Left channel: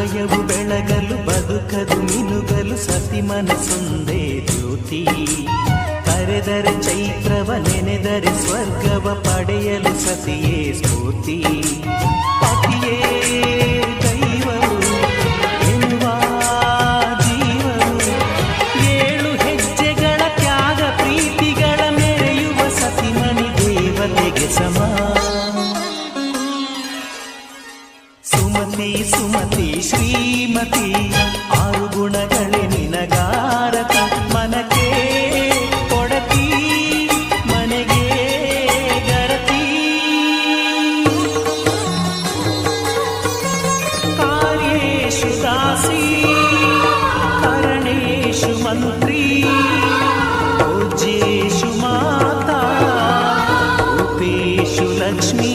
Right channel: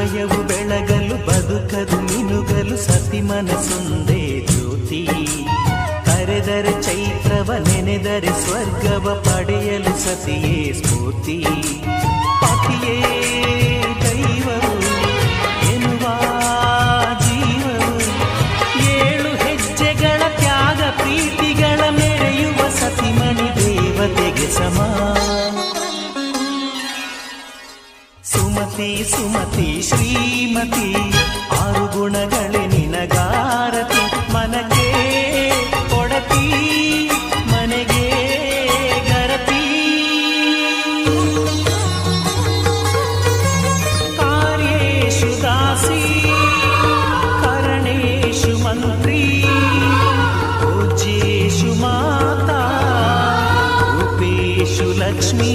ಹೃದಯವು ಬೆಳಗಲು ಬದುಕದು ಮಿನುಗಲು ಸತಿ ಮನಸೊಂದೇ ಜ್ಯೋತಿ. ಕರೆದರೆ ಚೈತ್ರವ ನೆನೆದರೆ ಸ್ವರ್ಗವ ಪಡೆಯಲು ಸತಿಯೇ ಸ್ಫೂರ್ತಿ. ಪತಿಯೇ ದೈವವು ಎನ್ನುವ ಜೀವವು, 7 ಹೆಜ್ಜೆಗಳ ತ್ಯಾಗ ಪ್ರೀತಿಗಳ ಮೆರೆಯುವ ಸತಿಮಣಿ ದೇವತೆಗೆ ಸಮ. ಸುಮತಿ ಸುಮತಿ ಶ್ರೀಮತಿ 6 ಗುಣಗಳೇ ನಿನಗಾರತಿ. ಮನಕ್ಕೆ ಕೊಡತಿ ಮನೆಗೆ ಗರತಿ. ಕಾರ್ಯೇಷು ದಾಸಿ ಕರಣೇಷು ಮಂತ್ರಿ. ಪೂಜ್ಯೇಷು ಮಾತಾ ರೂಪೇಷು ಲಕ್ಷ್ಮೀ.